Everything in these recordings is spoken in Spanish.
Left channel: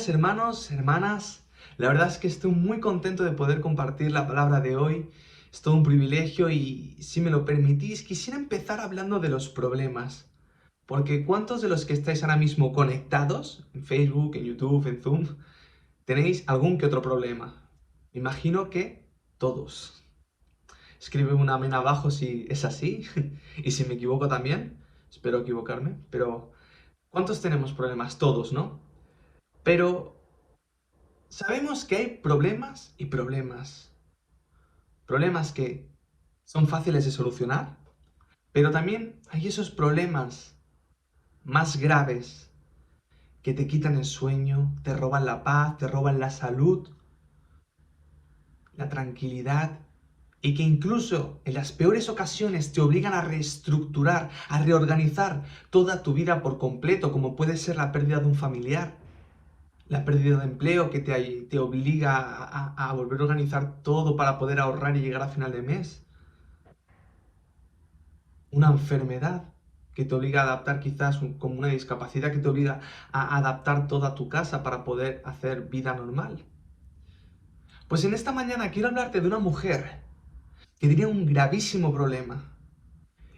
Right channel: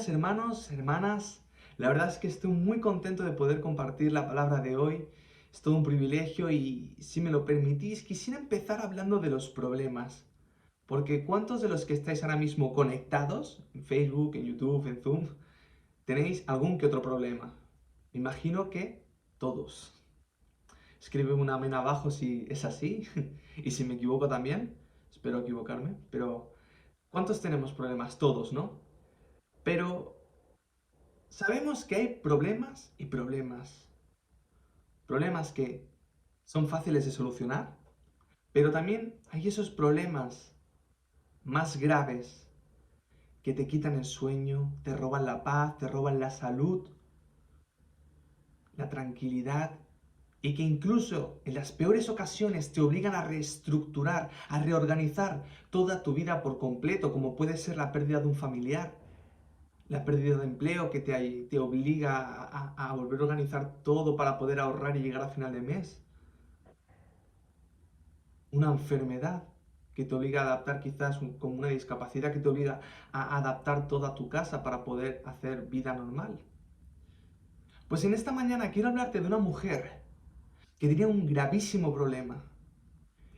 días, hermanos, hermanas. La verdad es que estoy muy contento de poder compartir la palabra de hoy. Es todo un privilegio y, si me lo permitís, quisiera empezar hablando de los problemas. Porque ¿cuántos de los que estáis ahora mismo conectados en Facebook, en YouTube, en Zoom, tenéis algún que otro problema? Me imagino que todos. Escribe un amén abajo si es así y si me equivoco también. Espero equivocarme, pero ¿cuántos tenemos problemas? Todos, ¿no? Pero sabemos que hay problemas y problemas. Problemas que son fáciles de solucionar, pero también hay esos problemas más graves que te quitan el sueño, te roban la paz, te roban la salud, la tranquilidad y que incluso en las peores ocasiones te obligan a reestructurar, a reorganizar toda tu vida por completo, como puede ser la pérdida de un familiar, la pérdida de empleo que te obliga a volver a organizar todo para poder ahorrar y llegar a final de mes. Una enfermedad que te obliga a adaptar quizás como una discapacidad que te obliga a adaptar toda tu casa para poder hacer vida normal. Pues en esta mañana quiero hablarte de una mujer que tenía un gravísimo problema.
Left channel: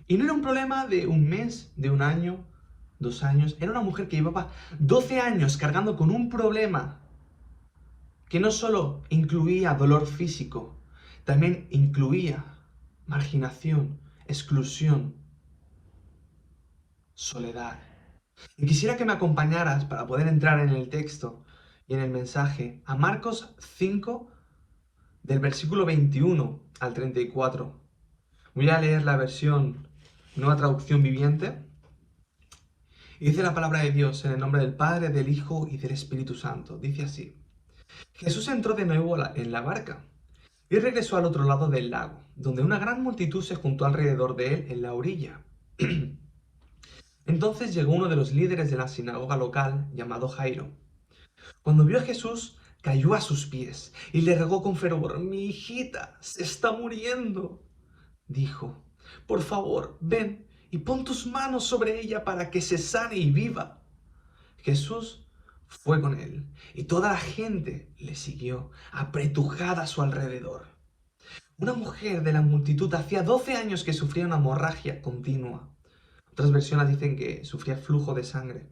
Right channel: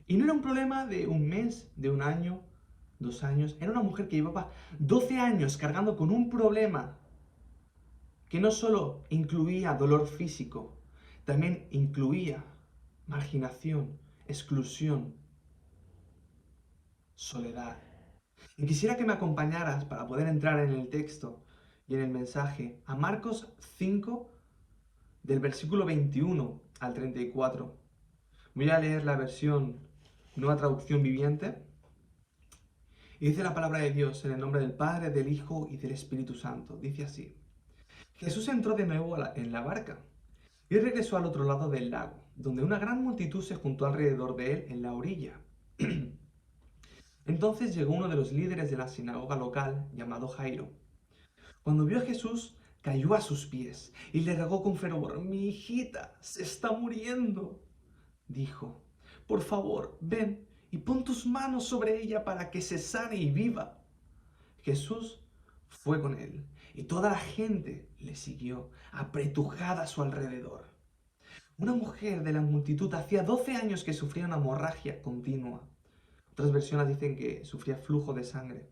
Y no era un problema de un mes, de un año, 2 años. Era una mujer que llevaba 12 años cargando con un problema que no solo incluía dolor físico, también incluía marginación, exclusión, soledad. Y quisiera que me acompañaras para poder entrar en el texto y en el mensaje a Marcos 5 del versículo 21 al 34. Voy a leer la versión Nueva Traducción Viviente. Y dice la palabra de Dios en el nombre del Padre, del Hijo y del Espíritu Santo. Dice así. Jesús entró de nuevo en la barca y regresó al otro lado del lago, donde una gran multitud se juntó alrededor de él en la orilla. Entonces llegó uno de los líderes de la sinagoga local, llamado Jairo. Cuando vio a Jesús, cayó a sus pies y le rogó con fervor: Mi hijita se está muriendo. Dijo: Por favor, ven y pon tus manos sobre ella para que se sane y viva. Jesús fue con él y toda la gente le siguió, apretujada a su alrededor. Una mujer de la multitud hacía 12 años que sufría una hemorragia continua. Otras versiones dicen que sufría flujo de sangre.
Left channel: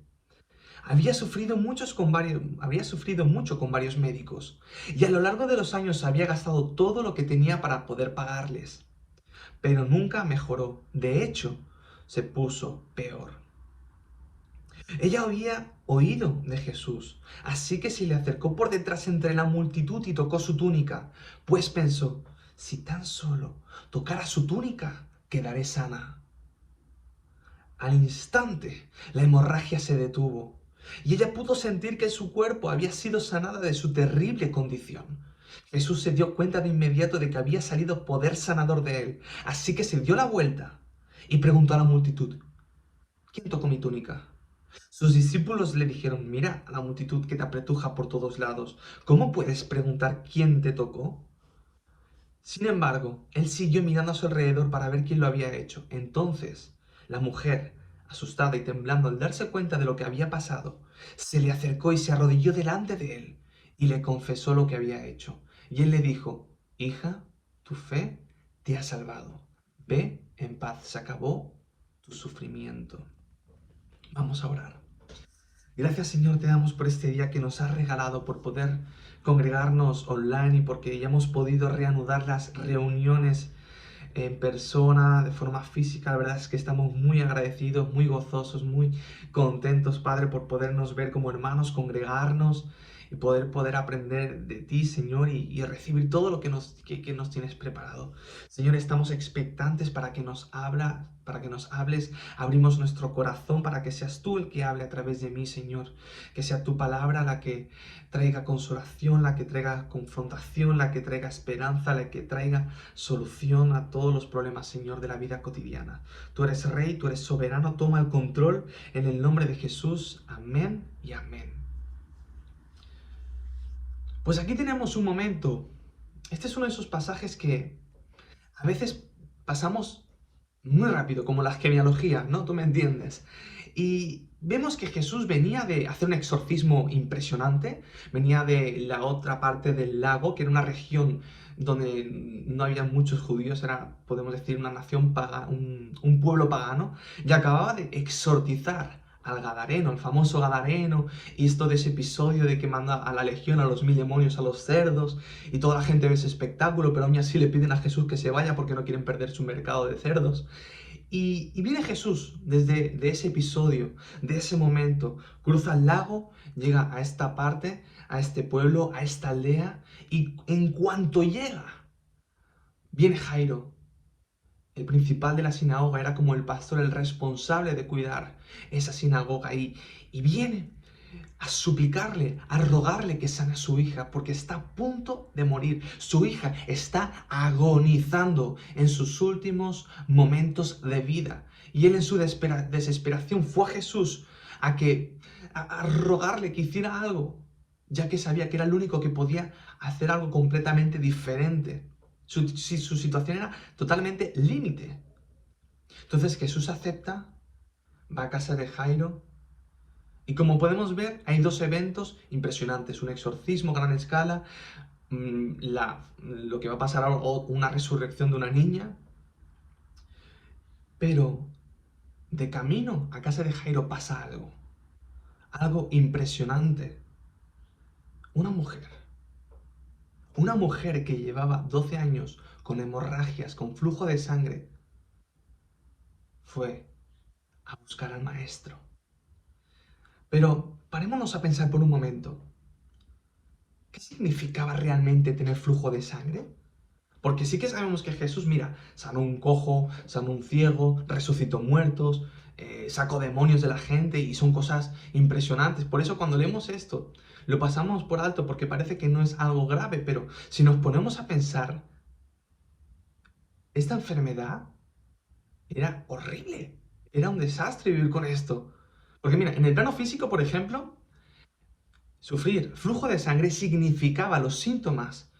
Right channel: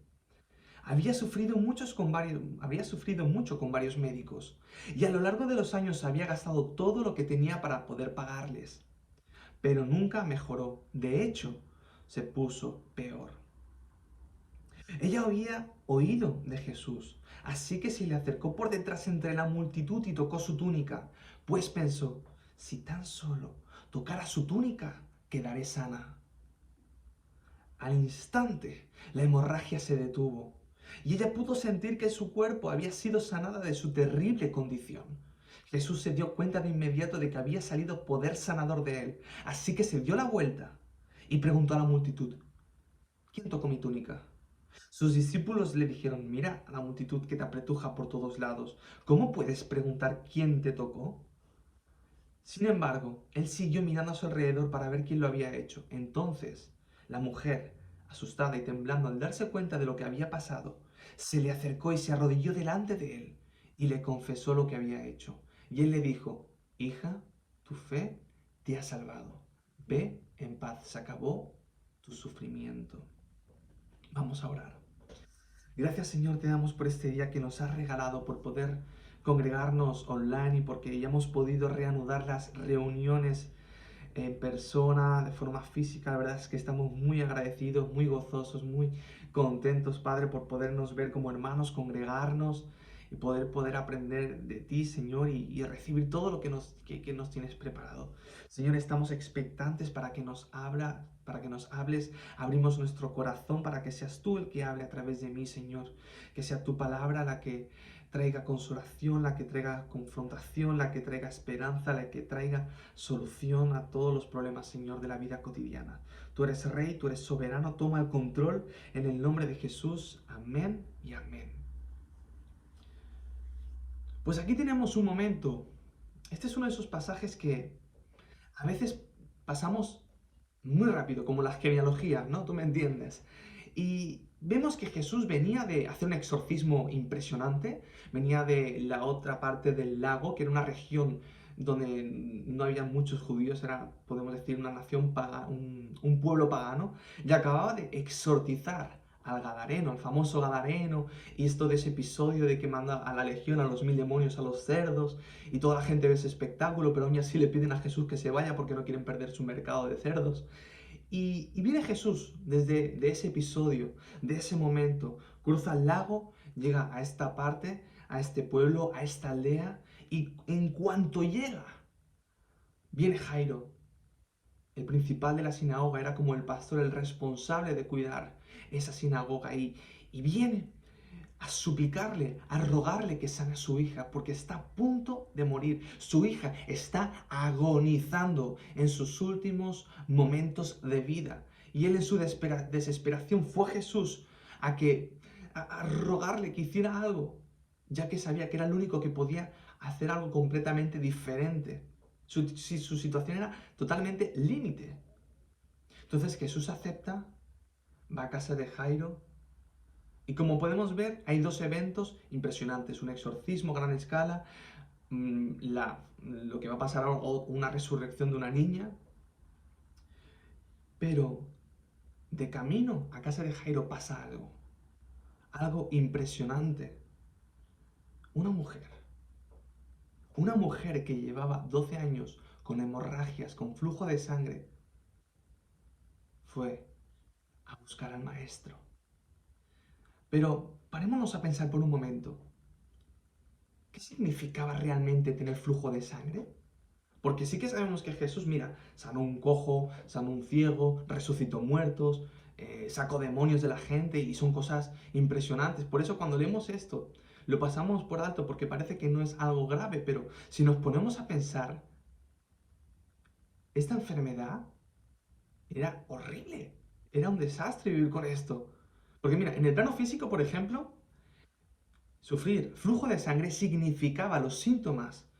Había sufrido mucho con varios médicos y a lo largo de los años había gastado todo lo que tenía para poder pagarles. Pero nunca mejoró. De hecho, se puso peor. Ella había oído de Jesús, así que se le acercó por detrás entre la multitud y tocó su túnica, pues pensó: si tan solo tocara su túnica, quedaré sana. Al instante, la hemorragia se detuvo y ella pudo sentir que su cuerpo había sido sanada de su terrible condición. Jesús se dio cuenta de inmediato de que había salido poder sanador de él, así que se dio la vuelta y preguntó a la multitud: ¿Quién tocó mi túnica? Sus discípulos le dijeron: Mira a la multitud que te apretuja por todos lados. ¿Cómo puedes preguntar quién te tocó? Sin embargo, él siguió mirando a su alrededor para ver quién lo había hecho. Entonces, la mujer, asustada y temblando al darse cuenta de lo que había pasado, se le acercó y se arrodilló delante de él y le confesó lo que había hecho. Y él le dijo: Hija, tu fe te ha salvado. Ve en paz, se acabó tu sufrimiento. Vamos a orar. Gracias, Señor, te damos por este día que nos has regalado, por poder congregarnos online y porque ya hemos podido reanudar las reuniones en persona, de forma física. La verdad es que estamos muy agradecidos, muy gozosos, muy contentos, Padre, por podernos ver como hermanos, congregarnos y poder aprender de ti, Señor, y recibir todo lo que nos tienes preparado. Señor, estamos expectantes para que nos hables. Abrimos nuestro corazón para que seas tú el que hable a través de mí, Señor. Que sea tu palabra la que traiga consolación, la que traiga confrontación, la que traiga esperanza, la que traiga solución a todos los problemas, Señor, de la vida cotidiana. Tú eres Rey, tú eres soberano, toma el control en el nombre de Jesús. Amén y amén. Pues aquí tenemos un momento. Este es uno de esos pasajes que a veces pasamos muy rápido, como las genealogías, ¿no? Tú me entiendes. Y vemos que Jesús venía de hacer un exorcismo impresionante, venía de la otra parte del lago, que era una región donde no había muchos judíos, era, podemos decir, una nación pagana, un pueblo pagano, y acababa de exorcizar al Gadareno, el famoso Gadareno, y esto de ese episodio de que manda a la legión, a los 1000 demonios, a los cerdos, y toda la gente ve ese espectáculo, pero aún así le piden a Jesús que se vaya porque no quieren perder su mercado de cerdos. Y viene Jesús desde de ese episodio, de ese momento, cruza el lago, llega a esta parte, a este pueblo, a esta aldea, y en cuanto llega, viene Jairo, el principal de la sinagoga, era como el pastor, el responsable de cuidar esa sinagoga, y viene a suplicarle, a rogarle que sane a su hija, porque está a punto de morir. Su hija está agonizando en sus últimos momentos de vida. Y él en su desesperación fue a Jesús a rogarle que hiciera algo, ya que sabía que era el único que podía hacer algo completamente diferente. Su situación era totalmente límite. Entonces Jesús acepta, va a casa de Jairo, y como podemos ver, hay dos eventos impresionantes. Un exorcismo a gran escala, lo que va a pasar ahora, o una resurrección de una niña. Pero de camino a casa de Jairo pasa algo. Algo impresionante. Una mujer. Una mujer que llevaba 12 años con hemorragias, con flujo de sangre, fue a buscar al maestro. Pero parémonos a pensar por un momento. ¿Qué significaba realmente tener flujo de sangre? Porque sí que sabemos que Jesús, mira, sanó un cojo, sanó un ciego, resucitó muertos, sacó demonios de la gente y son cosas impresionantes. Por eso cuando leemos esto, lo pasamos por alto porque parece que no es algo grave, pero si nos ponemos a pensar, esta enfermedad era horrible, era un desastre vivir con esto. Porque mira, en el plano físico, por ejemplo, sufrir flujo de sangre significaba, los síntomas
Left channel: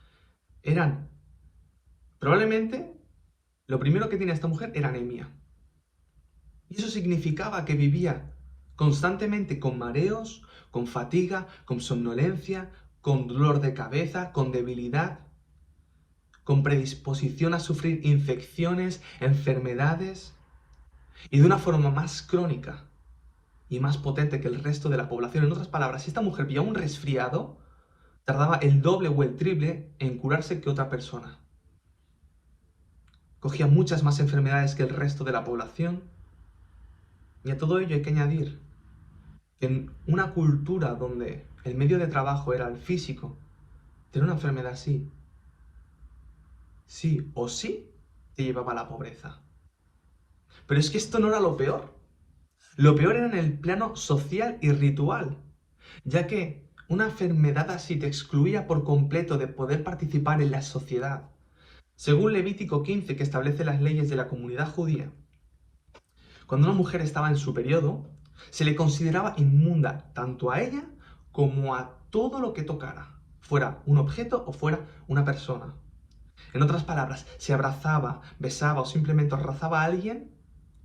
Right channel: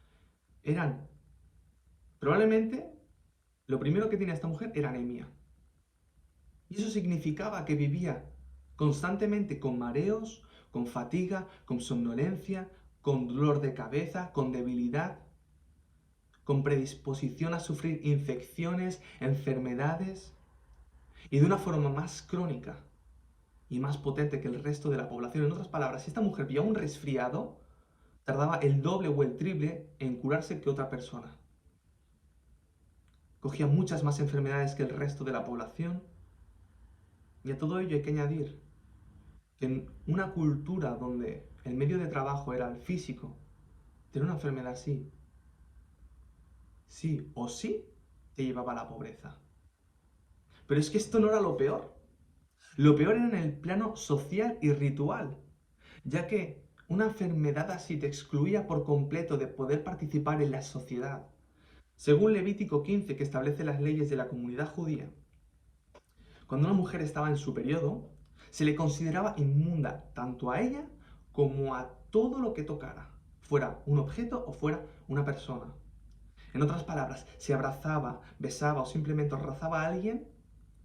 eran probablemente lo primero que tenía esta mujer era anemia. Y eso significaba que vivía constantemente con mareos, con fatiga, con somnolencia, con dolor de cabeza, con debilidad, con predisposición a sufrir infecciones, enfermedades, y de una forma más crónica y más potente que el resto de la población. En otras palabras, si esta mujer pillaba un resfriado, tardaba el doble o el triple en curarse que otra persona. Cogía muchas más enfermedades que el resto de la población. Y a todo ello hay que añadir que en una cultura donde el medio de trabajo era el físico, tener una enfermedad así, sí o sí, te llevaba a la pobreza. Pero es que esto no era lo peor. Lo peor era en el plano social y ritual, ya que una enfermedad así te excluía por completo de poder participar en la sociedad. Según Levítico 15, que establece las leyes de la comunidad judía, cuando una mujer estaba en su periodo, se le consideraba inmunda tanto a ella como a todo lo que tocara, fuera un objeto o fuera una persona. En otras palabras, si abrazaba, besaba o simplemente rozaba a alguien,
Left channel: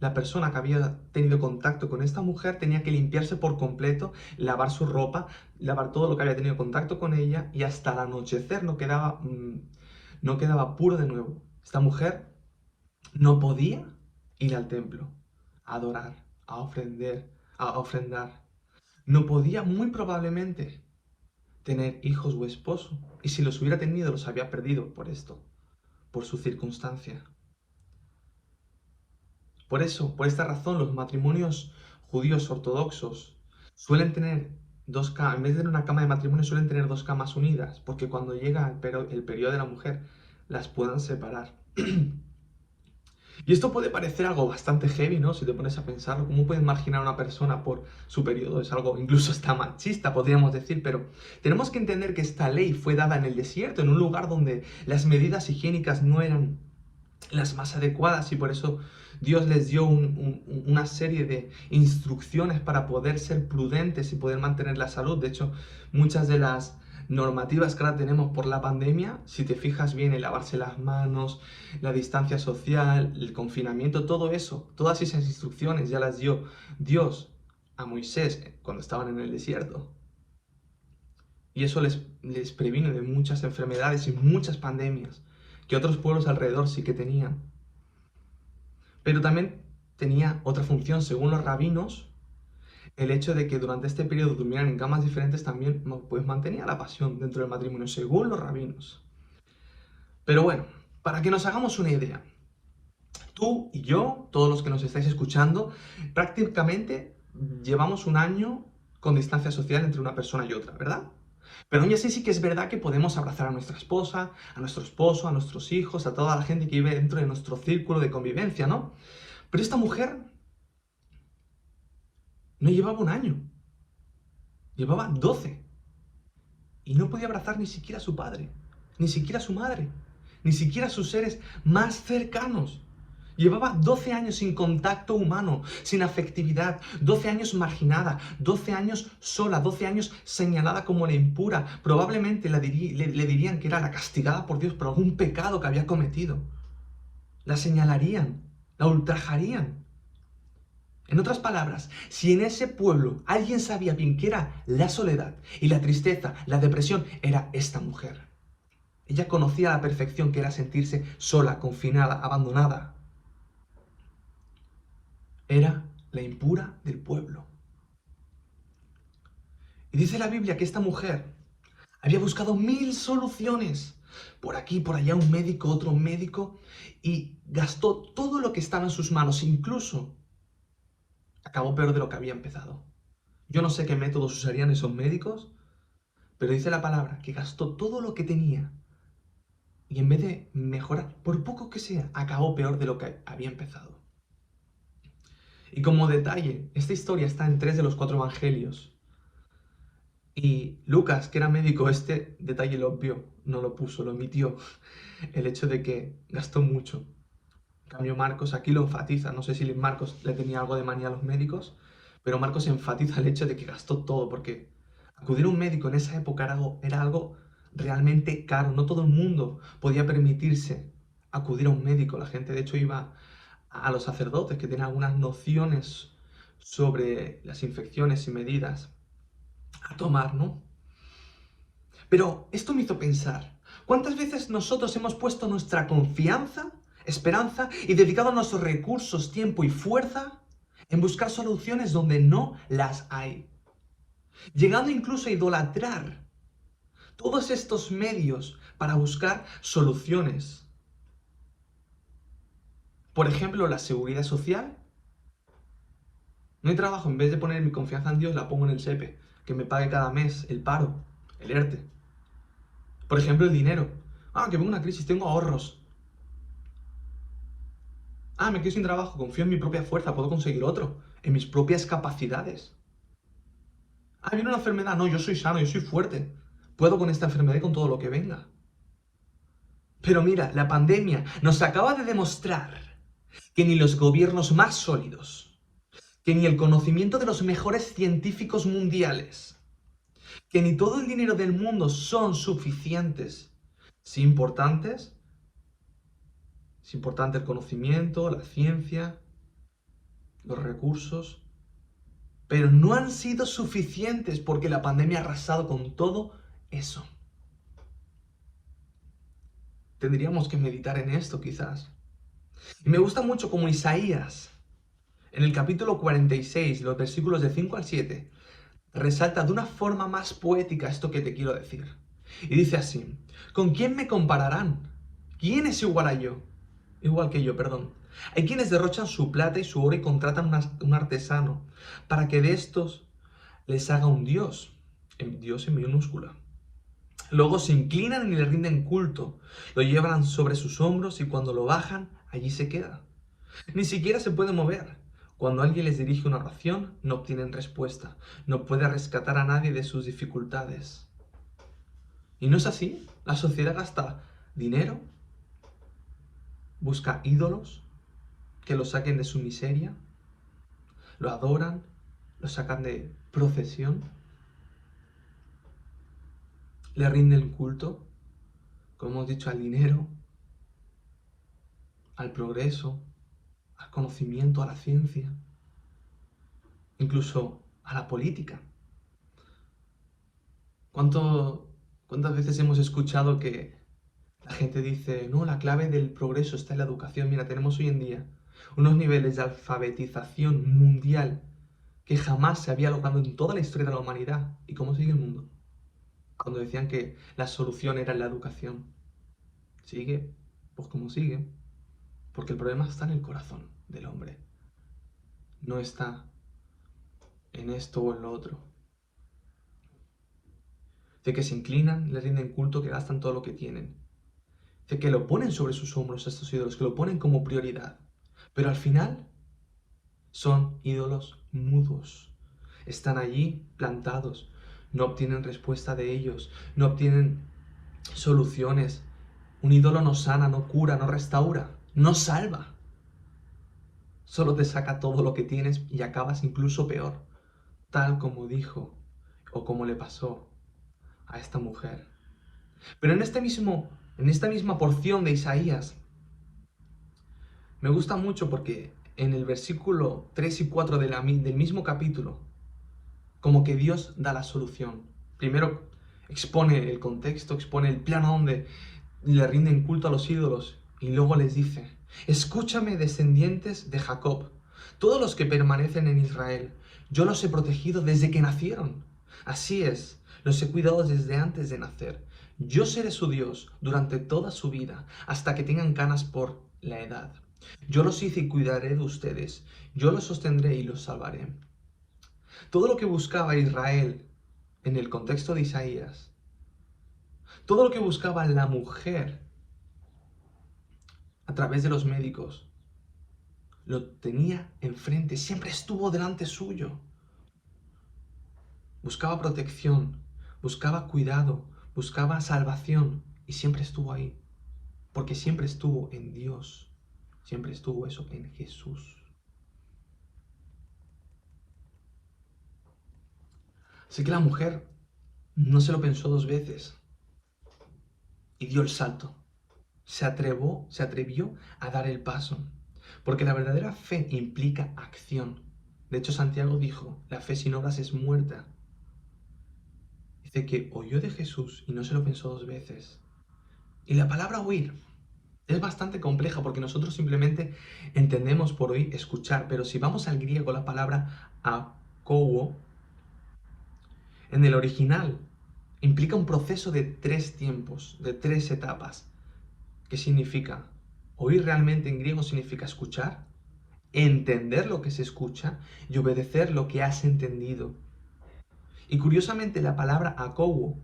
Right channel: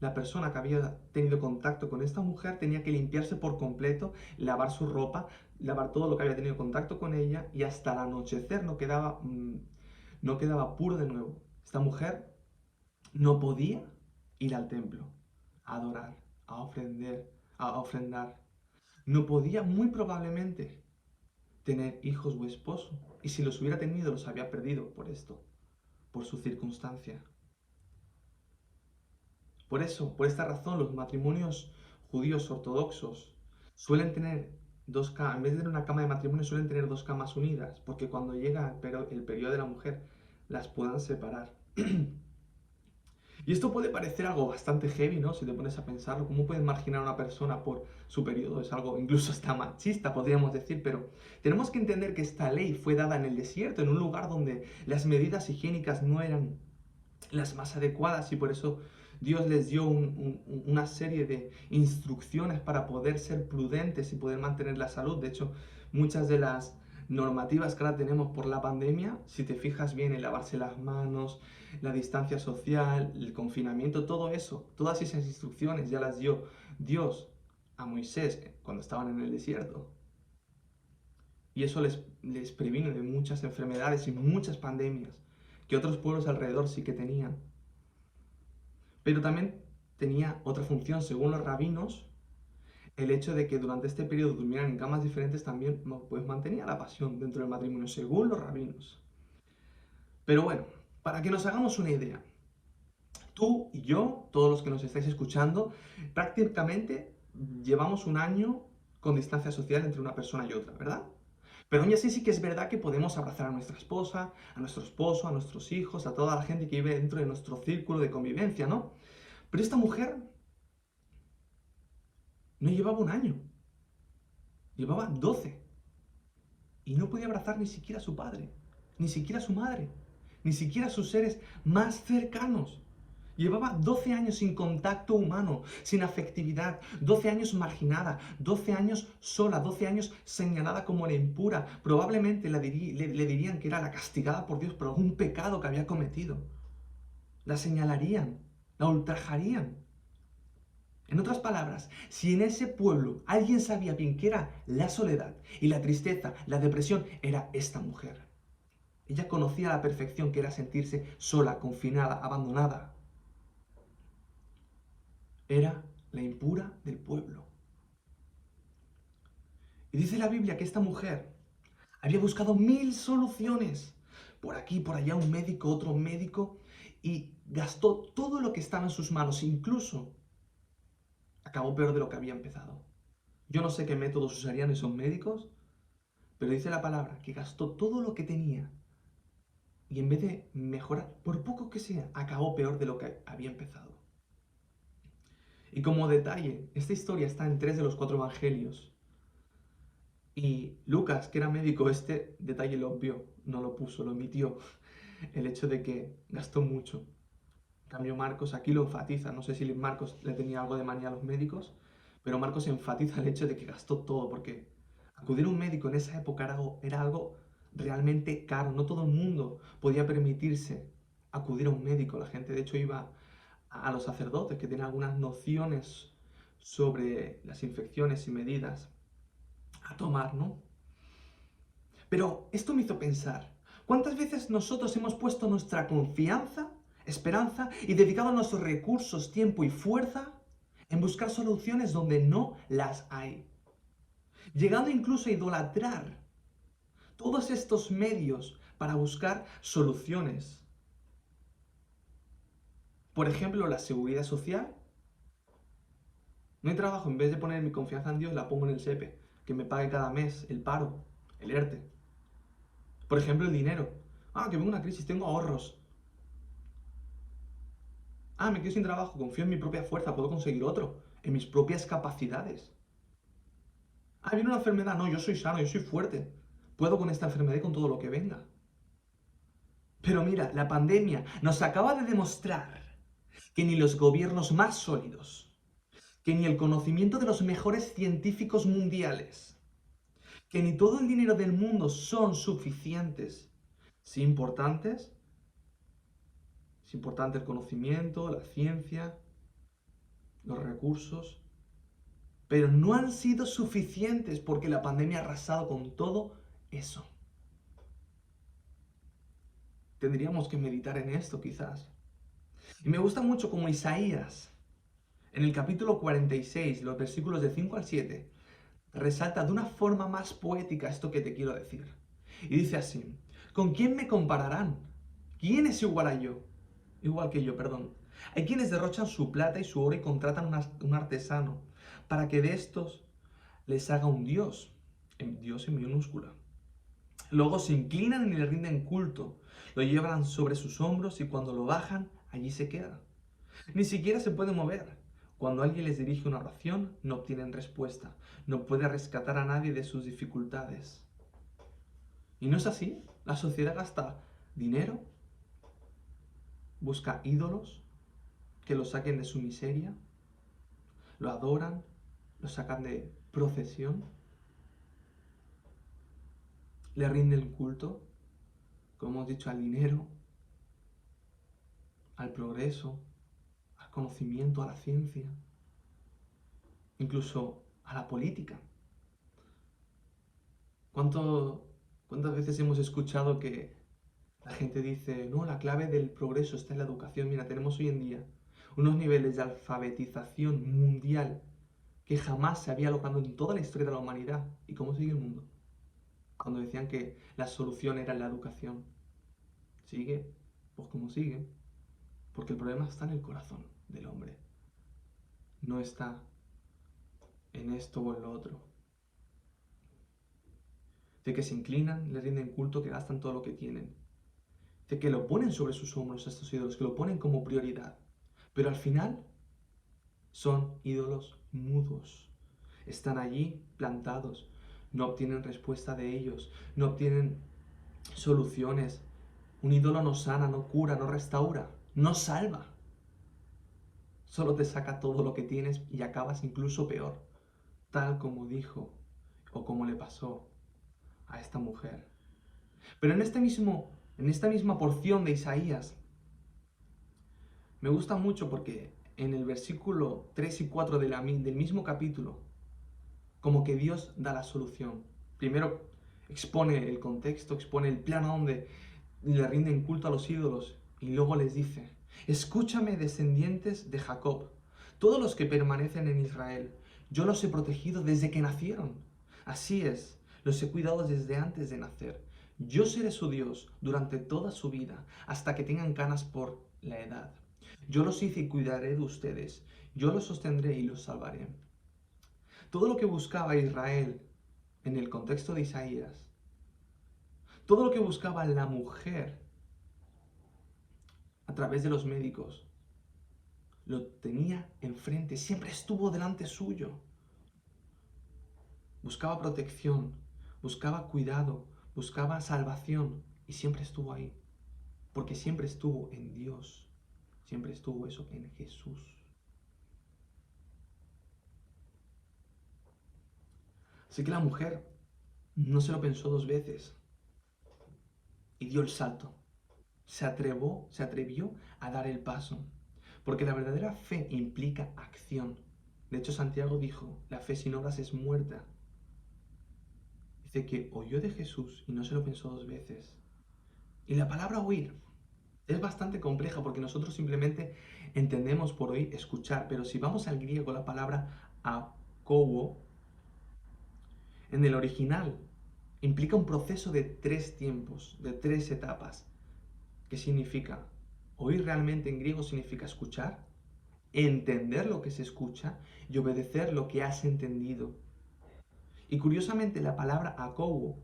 la persona que había tenido contacto con esta mujer tenía que limpiarse por completo, lavar su ropa, lavar todo lo que había tenido contacto con ella, y hasta el anochecer no quedaba puro de nuevo. Esta mujer no podía ir al templo a adorar, a ofrendar. No podía, muy probablemente, tener hijos o esposo. Y si los hubiera tenido, los había perdido por esto, por su circunstancia. Por eso, por esta razón, los matrimonios judíos ortodoxos suelen tener dos camas, en vez de tener una cama de matrimonio, suelen tener dos camas unidas, porque cuando llega el periodo de la mujer, las puedan separar. Y esto puede parecer algo bastante heavy, ¿no? Si te pones a pensarlo, ¿cómo puede marginar a una persona por su periodo? Es algo incluso hasta machista, podríamos decir, pero tenemos que entender que esta ley fue dada en el desierto, en un lugar donde las medidas higiénicas no eran las más adecuadas, y por eso Dios les dio una serie de instrucciones para poder ser prudentes y poder mantener la salud. De hecho, muchas de las normativas que ahora tenemos por la pandemia, si te fijas bien, en lavarse las manos, la distancia social, el confinamiento, todo eso, todas esas instrucciones ya las dio Dios a Moisés cuando estaban en el desierto. Y eso les previno de muchas enfermedades y muchas pandemias que otros pueblos alrededor sí que tenían. Pero también tenía otra función, según los rabinos, el hecho de que durante este periodo durmieran en camas diferentes también pues, mantenía la pasión dentro del matrimonio, según los rabinos. Pero bueno, para que nos hagamos una idea, tú y yo, todos los que nos estáis escuchando, prácticamente llevamos un año con distancia social entre una persona y otra, ¿verdad? Pero aún así sí que es verdad que podemos abrazar a nuestra esposa, a nuestro esposo, a nuestros hijos, a toda la gente que vive dentro de nuestro círculo de convivencia, ¿no? Pero esta mujer no llevaba un año, llevaba 12. Y no podía abrazar ni siquiera a su padre, ni siquiera a su madre, ni siquiera a sus seres más cercanos. Llevaba 12 años sin contacto humano, sin afectividad, 12 años marginada, 12 años sola, 12 años señalada como la impura. Probablemente le dirían que era la castigada por Dios por algún pecado que había cometido. La señalarían, la ultrajarían. En otras palabras, si en ese pueblo alguien sabía bien qué era la soledad y la tristeza, la depresión, era esta mujer. Ella conocía a la perfección que era sentirse sola, confinada, abandonada. Era la impura del pueblo. Y dice la Biblia que esta mujer había buscado 1000 soluciones. Por aquí, por allá, un médico, otro médico, y gastó todo lo que estaba en sus manos. Incluso acabó peor de lo que había empezado. Yo no sé qué métodos usarían esos médicos, pero dice la palabra que gastó todo lo que tenía y en vez de mejorar, por poco que sea, acabó peor de lo que había empezado. Y como detalle, esta historia está en 3 de los 4 evangelios. Y Lucas, que era médico, este detalle lo obvió, no lo puso, lo omitió. El hecho de que gastó mucho. En cambio, Marcos aquí lo enfatiza. No sé si Marcos le tenía algo de manía a los médicos, pero Marcos enfatiza el hecho de que gastó todo, porque acudir a un médico en esa época era algo realmente caro. No todo el mundo podía permitirse acudir a un médico. La gente, de hecho, iba a los sacerdotes que tenían algunas nociones sobre las infecciones y medidas a tomar, ¿no? Pero esto me hizo pensar, ¿cuántas veces nosotros hemos puesto nuestra confianza, esperanza y dedicado nuestros recursos, tiempo y fuerza en buscar soluciones donde no las hay? Llegando incluso a idolatrar todos estos medios para buscar soluciones. Por ejemplo, la seguridad social. No hay trabajo, en vez de poner mi confianza en Dios, la pongo en el SEPE, que me pague cada mes el paro, el ERTE. Por ejemplo, el dinero. Que vengo una crisis, tengo ahorros. Me quedo sin trabajo, confío en mi propia fuerza, puedo conseguir otro, en mis propias capacidades. Viene una enfermedad, no, yo soy sano, yo soy fuerte. Puedo con esta enfermedad y con todo lo que venga. Pero mira, la pandemia nos acaba de demostrar que ni los gobiernos más sólidos, que ni el conocimiento de los mejores científicos mundiales, que ni todo el dinero del mundo son suficientes. Sí, importantes. Es importante el conocimiento, la ciencia, los recursos, pero no han sido suficientes porque la pandemia ha arrasado con todo eso. Tendríamos que meditar en esto quizás. Y me gusta mucho como Isaías, en el capítulo 46, los versículos de 5 al 7, resalta de una forma más poética esto que te quiero decir. Y dice así, ¿con quién me compararán? ¿Quién es igual a yo? Igual que yo, perdón. Hay quienes derrochan su plata y su oro y contratan un artesano para que de estos les haga un dios en minúscula. Luego se inclinan y le rinden culto, lo llevan sobre sus hombros y cuando lo bajan, allí se queda. Ni siquiera se puede mover. Cuando alguien les dirige una oración, no obtienen respuesta. No puede rescatar a nadie de sus dificultades. ¿Y no es así? La sociedad gasta dinero, busca ídolos que lo saquen de su miseria, lo adoran, lo sacan de procesión, le rinden culto, como hemos dicho, al dinero, al progreso, al conocimiento, a la ciencia. Incluso a la política. ¿Cuántas veces hemos escuchado que la gente dice, no, la clave del progreso está en la educación? Mira, tenemos hoy en día unos niveles de alfabetización mundial que jamás se había logrado en toda la historia de la humanidad. ¿Y cómo sigue el mundo? Cuando decían que la solución era en la educación. ¿Sigue? Pues como sigue. Porque el problema está en el corazón del hombre. No está en esto o en lo otro. De que se inclinan, le rinden culto, que gastan todo lo que tienen. De que lo ponen sobre sus hombros estos ídolos, que lo ponen como prioridad. Pero al final son ídolos mudos. Están allí plantados. No obtienen respuesta de ellos. No obtienen soluciones. Un ídolo no sana, no cura, no restaura, no salva. Solo te saca todo lo que tienes y acabas incluso peor. Tal como dijo o como le pasó a esta mujer. Pero en esta misma porción de Isaías, me gusta mucho porque en el versículo 3 y 4 del mismo capítulo, como que Dios da la solución. Primero expone el contexto, expone el plano donde le rinden culto a los ídolos y luego les dice, escúchame, descendientes de Jacob, todos los que permanecen en Israel, yo los he protegido desde que nacieron. Así es, los he cuidado desde antes de nacer. Yo seré su Dios durante toda su vida, hasta que tengan canas por la edad. Yo los hice y cuidaré de ustedes. Yo los sostendré y los salvaré. Todo lo que buscaba Israel en el contexto de Isaías, todo lo que buscaba la mujer a través de los médicos, lo tenía enfrente, siempre estuvo delante suyo. Buscaba protección, buscaba cuidado, buscaba salvación y siempre estuvo ahí. Porque siempre estuvo en Dios, siempre estuvo eso en Jesús. Así que la mujer no se lo pensó dos veces y dio el salto. Se atrevió a dar el paso. Porque la verdadera fe implica acción. De hecho, Santiago dijo, la fe sin obras es muerta. Dice que oyó de Jesús y no se lo pensó dos veces. Y la palabra oír es bastante compleja porque nosotros simplemente entendemos por oír escuchar, pero si vamos al griego, la palabra akouo, en el original, implica un proceso de tres tiempos, de tres etapas. ¿Qué significa? Oír realmente en griego significa escuchar, entender lo que se escucha y obedecer lo que has entendido. Y curiosamente la palabra akouo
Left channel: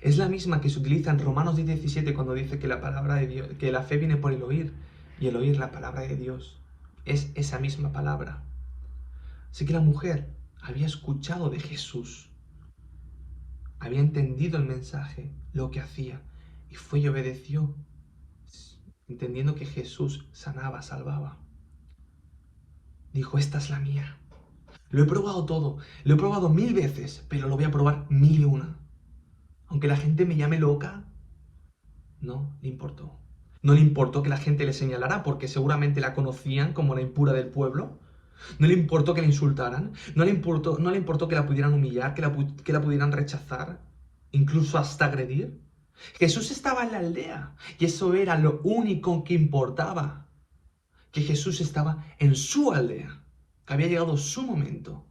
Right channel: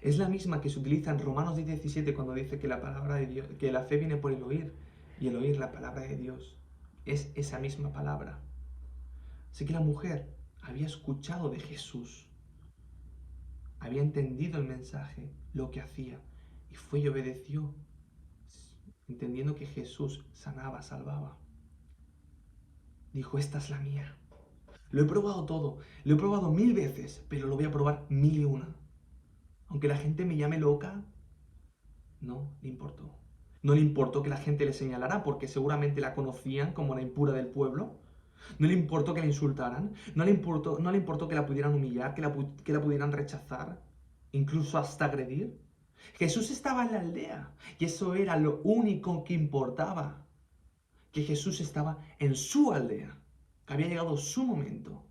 es la misma que se utiliza en Romanos 10:17 cuando dice que la palabra de Dios, que la fe viene por el oír y el oír la palabra de Dios. Es esa misma palabra. Así que la mujer había escuchado de Jesús, había entendido el mensaje, lo que hacía, y fue y obedeció, entendiendo que Jesús sanaba, salvaba. Dijo, esta es la mía. Lo he probado todo, lo he probado 1000 veces, pero lo voy a probar 1001. Aunque la gente me llame loca, no le importó. No le importó que la gente le señalara porque seguramente la conocían como la impura del pueblo. No le importó que la insultaran. No le importó que la pudieran humillar, que la pudieran rechazar, incluso hasta agredir. Jesús estaba en la aldea y eso era lo único que importaba. Que Jesús estaba en su aldea, que había llegado su momento.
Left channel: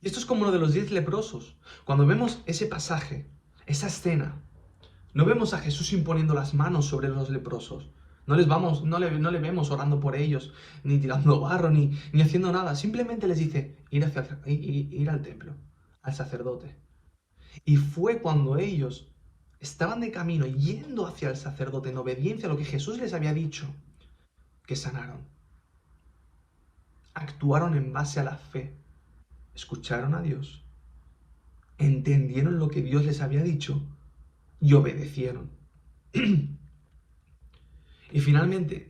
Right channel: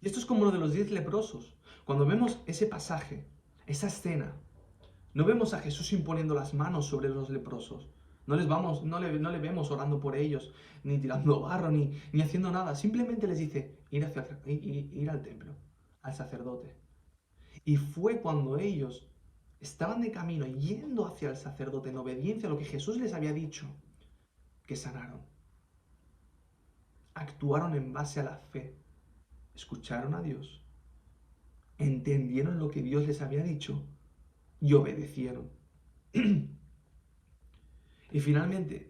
Y esto es como lo de los 10 leprosos. Cuando vemos ese pasaje, esa escena, no vemos a Jesús imponiendo las manos sobre los leprosos. No le vemos orando por ellos, ni tirando barro, ni haciendo nada. Simplemente les dice, ir al templo, al sacerdote. Y fue cuando ellos estaban de camino, yendo hacia el sacerdote, en obediencia a lo que Jesús les había dicho, que sanaron. Actuaron en base a la fe. Escucharon a Dios, entendieron lo que Dios les había dicho y obedecieron. Y finalmente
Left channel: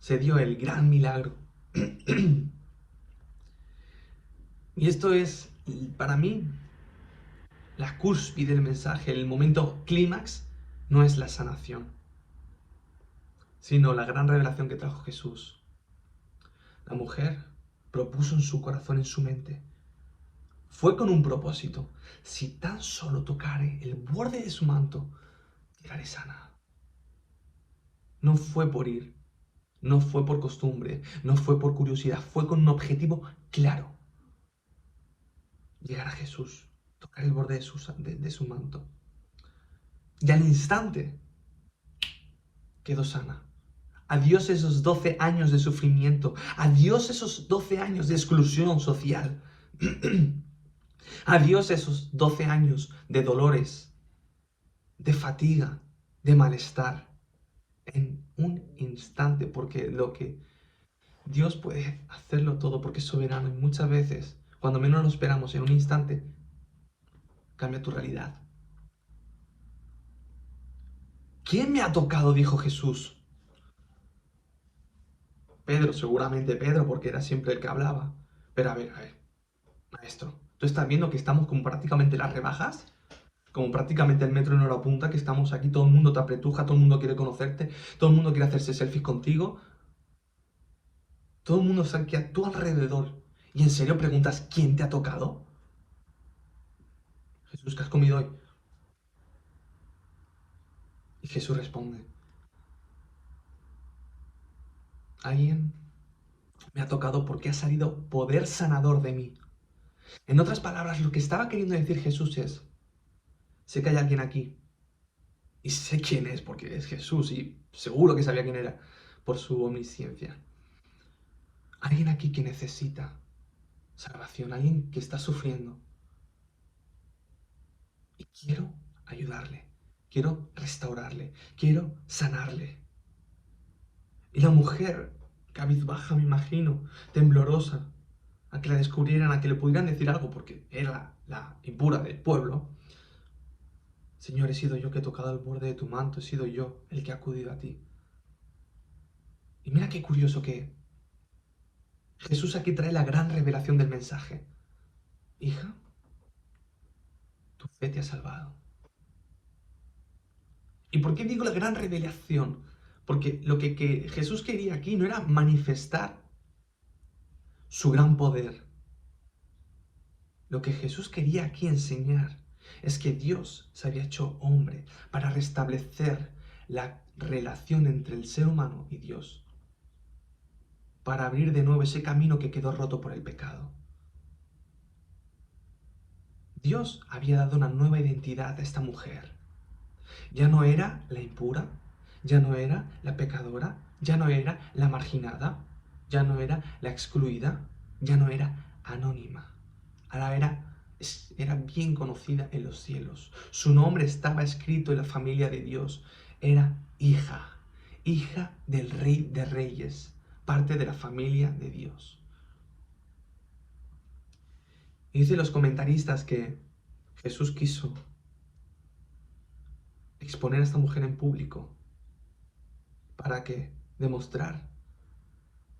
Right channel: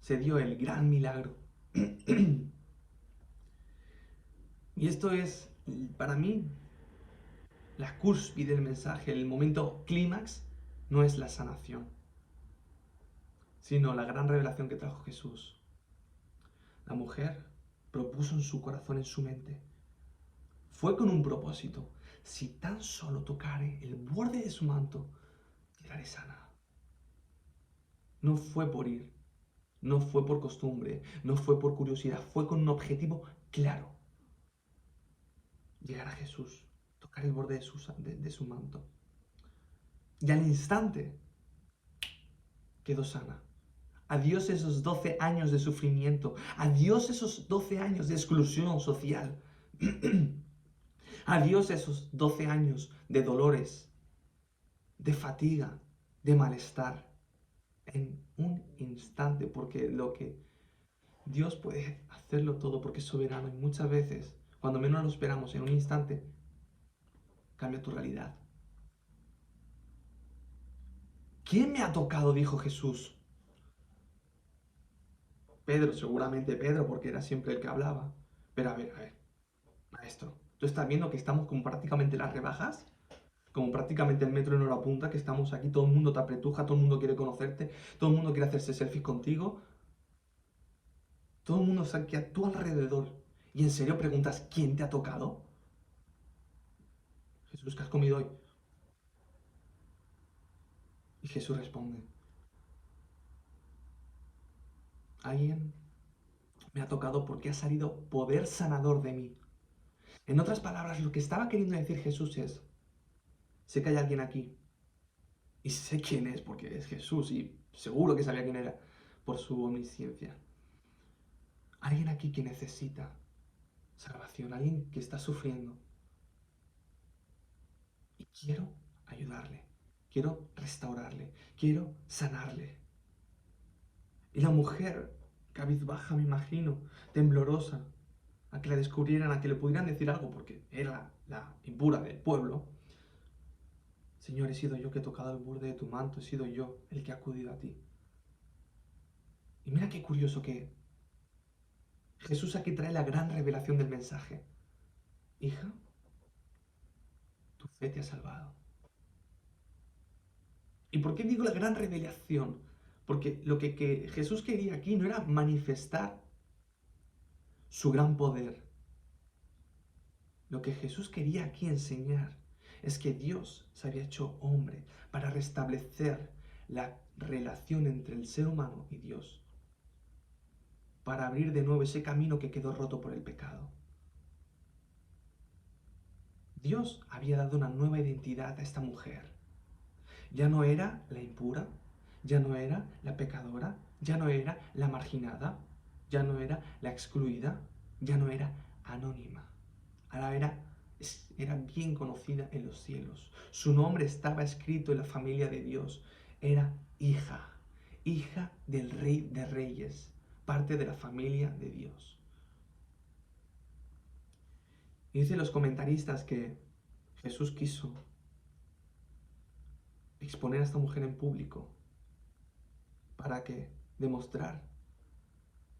se dio el gran milagro. Y esto es, para mí, la cúspide del mensaje, el momento clímax, no es la sanación, sino la gran revelación que trajo Jesús. La mujer propuso en su corazón, en su mente. Fue con un propósito. Si tan solo tocare el borde de su manto, quedaré sana. No fue por ir, no fue por costumbre, no fue por curiosidad, fue con un objetivo claro. Llegar a Jesús, tocar el borde de su manto. Y al instante quedó sana. Adiós esos 12 años de sufrimiento. Adiós esos 12 años de exclusión social. Adiós esos 12 años de dolores, de fatiga, de malestar. En un instante, porque lo que Dios puede hacerlo todo porque es soberano y muchas veces, cuando menos lo esperamos, en un instante, cambia tu realidad. ¿Quién me ha tocado? Dijo Jesús. Pedro, seguramente Pedro, porque era siempre el que hablaba. Pero a ver, maestro, ¿tú estás viendo que estamos como prácticamente las rebajas? Como prácticamente el metro en hora punta, que estamos aquí, todo el mundo te apretuja, todo el mundo quiere conocerte, todo el mundo quiere hacerse selfies contigo. Todo el mundo está aquí a tu alrededor. ¿Y en serio preguntas quién te ha tocado? Jesús, ¿qué has comido hoy? Y Jesús responde, alguien me ha tocado porque ha salido poder sanador de mí. En otras palabras, lo que estaba queriendo decir Jesús es, sé que hay alguien aquí, y sé quién es porque es Jesús, y seguro que sabía quién era por su omnisciencia. Alguien aquí que necesita salvación, alguien que está sufriendo. Y quiero ayudarle, quiero restaurarle, quiero sanarle. Y la mujer, cabizbaja, me imagino, temblorosa, a que la descubrieran, a que le pudieran decir algo, porque era la impura del pueblo. Señor, he sido yo que he tocado el borde de tu manto, he sido yo el que ha acudido a ti. Y mira qué curioso que Jesús aquí trae la gran revelación del mensaje. Hija, tu fe te ha salvado. ¿Y por qué digo la gran revelación? Porque lo que Jesús quería aquí no era manifestar su gran poder. Lo que Jesús quería aquí enseñar es que Dios se había hecho hombre para restablecer la relación entre el ser humano y Dios, para abrir de nuevo ese camino que quedó roto por el pecado. Dios había dado una nueva identidad a esta mujer. Ya no era la impura, ya no era la pecadora, ya no era la marginada, ya no era la excluida, ya no era anónima. Ahora era bien conocida en los cielos. Su nombre estaba escrito en la familia de Dios. Era hija, hija del Rey de Reyes, parte de la familia de Dios. Y dicen los comentaristas que Jesús quiso exponer a esta mujer en público para que demostrar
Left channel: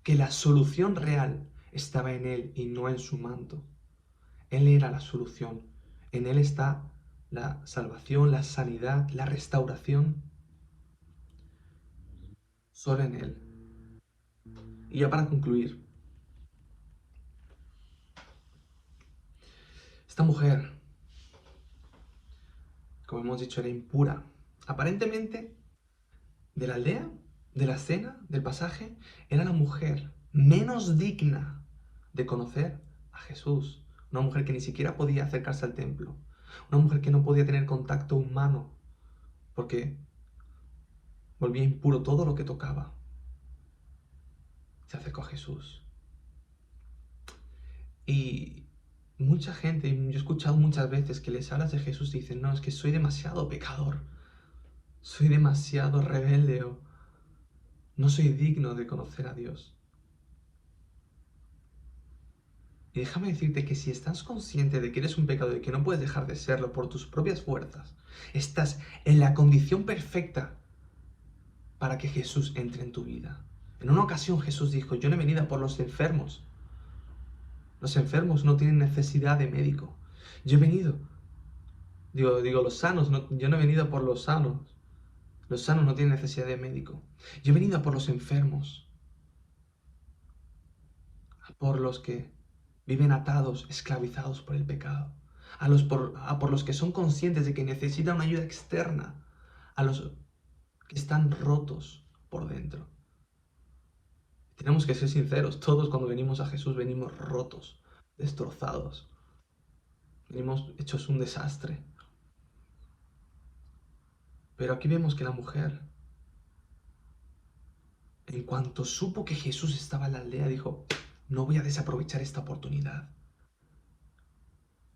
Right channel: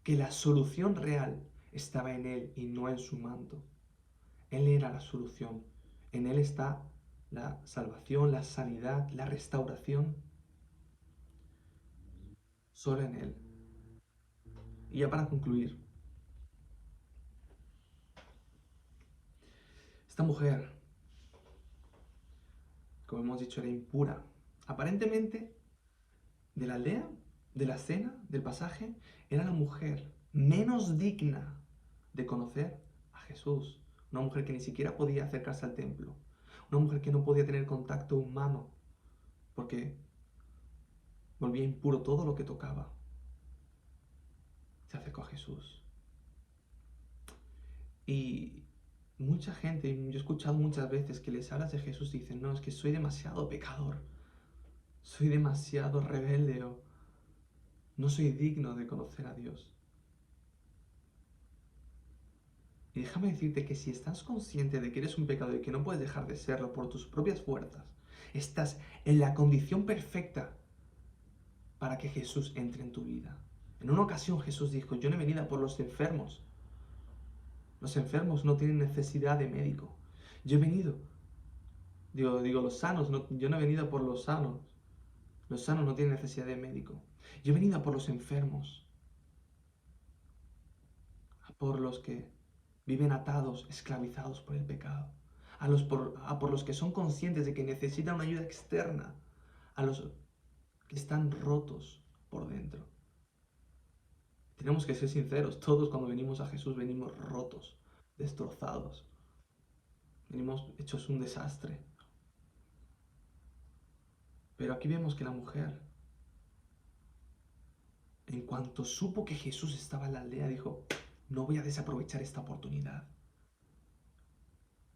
que la solución real estaba en él y no en su manto. Él era la solución. En él está la salvación, la sanidad, la restauración. Solo en él. Y ya para concluir, esta mujer, como hemos dicho, era impura. Aparentemente, de la aldea, de la escena, del pasaje, era la mujer menos digna de conocer a Jesús. Una mujer que ni siquiera podía acercarse al templo. Una mujer que no podía tener contacto humano porque volvía impuro todo lo que tocaba. Se acercó a Jesús. Y mucha gente, yo he escuchado muchas veces que les hablas de Jesús y dicen, no, es que soy demasiado pecador, soy demasiado rebelde o no soy digno de conocer a Dios. Y déjame decirte que si estás consciente de que eres un pecador y que no puedes dejar de serlo por tus propias fuerzas, estás en la condición perfecta para que Jesús entre en tu vida. En una ocasión Jesús dijo, yo no he venido por los enfermos. Los enfermos no tienen necesidad de médico. Yo he venido, digo los sanos, yo no he venido por los sanos. Los sanos no tienen necesidad de médico. Yo he venido por los enfermos. por los que viven atados, esclavizados por el pecado, por los que son conscientes de que necesitan una ayuda externa, a los que están rotos por dentro. Tenemos que ser sinceros, todos cuando venimos a Jesús venimos rotos, destrozados, venimos hechos un desastre. Pero aquí vemos que la mujer, en cuanto supo que Jesús estaba en la aldea, dijo, no voy a desaprovechar esta oportunidad.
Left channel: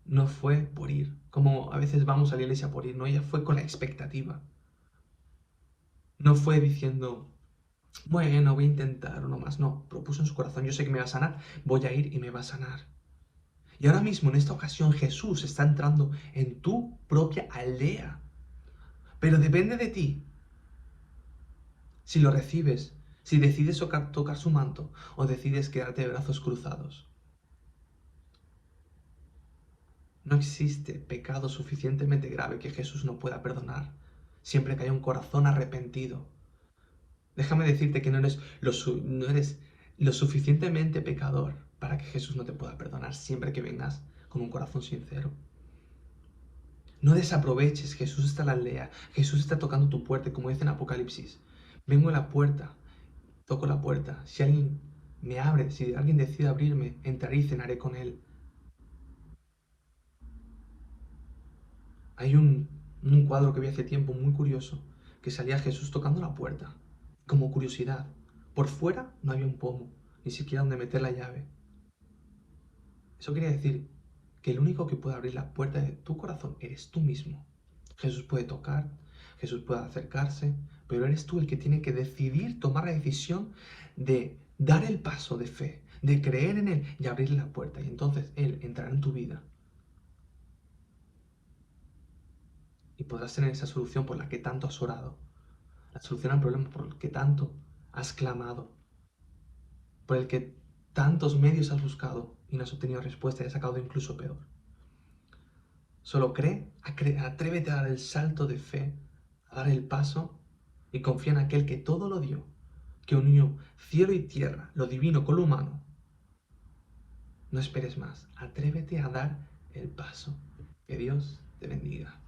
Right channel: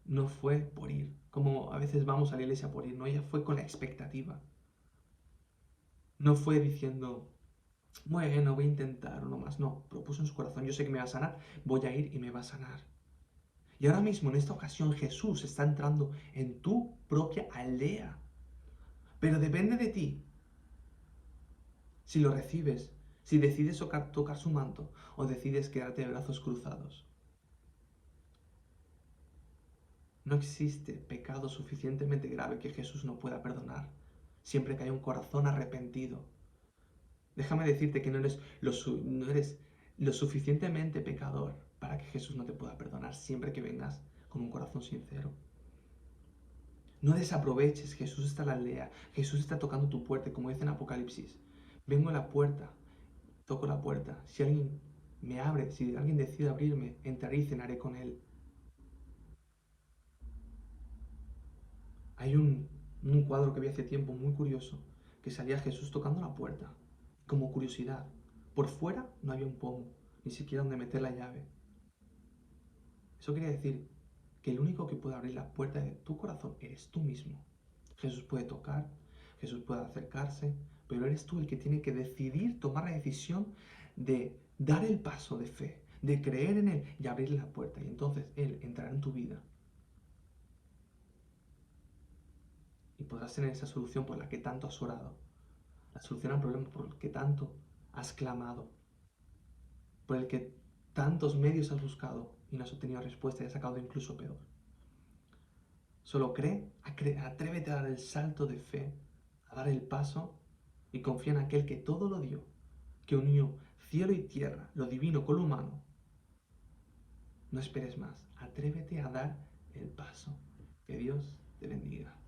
No fue por ir, como a veces vamos a la iglesia por ir, no, ella fue con la expectativa. No fue diciendo, bueno, voy a intentar uno más. No, propuso en su corazón, yo sé que me va a sanar, voy a ir y me va a sanar. Y ahora mismo, en esta ocasión, Jesús está entrando en tu propia aldea. Pero depende de ti si lo recibes, si decides tocar su manto o decides quedarte de brazos cruzados. No existe pecado suficientemente grave que Jesús no pueda perdonar, siempre que haya un corazón arrepentido. Déjame decirte que no eres lo suficientemente pecador para que Jesús no te pueda perdonar siempre que vengas con un corazón sincero. No desaproveches, Jesús está en la aldea, Jesús está tocando tu puerta, como dice en Apocalipsis. Vengo a la puerta, toco la puerta. Si alguien me abre, si alguien decide abrirme, entraré y cenaré con él. Hay un cuadro que vi hace tiempo muy curioso, que salía Jesús tocando la puerta, como curiosidad. Por fuera no había un pomo, ni siquiera donde meter la llave. Eso quiere decir que el único que puede abrir la puerta de tu corazón eres tú mismo. Jesús puede tocar, Jesús puede acercarse, pero eres tú el que tiene que decidir, tomar la decisión de dar el paso de fe, de creer en Él y abrirle la puerta. Y entonces Él entrará en tu vida y podrás tener esa solución por la que tanto has orado, la solución al problema por el que tanto has clamado, por el que tantos medios has buscado y no has obtenido respuesta y has sacado incluso peor. Solo atrévete a dar el salto de fe, a dar el paso y confía en aquel que todo lo dio, que unió cielo y tierra, lo divino con lo humano. No esperes más, atrévete a dar el paso. Que Dios te bendiga.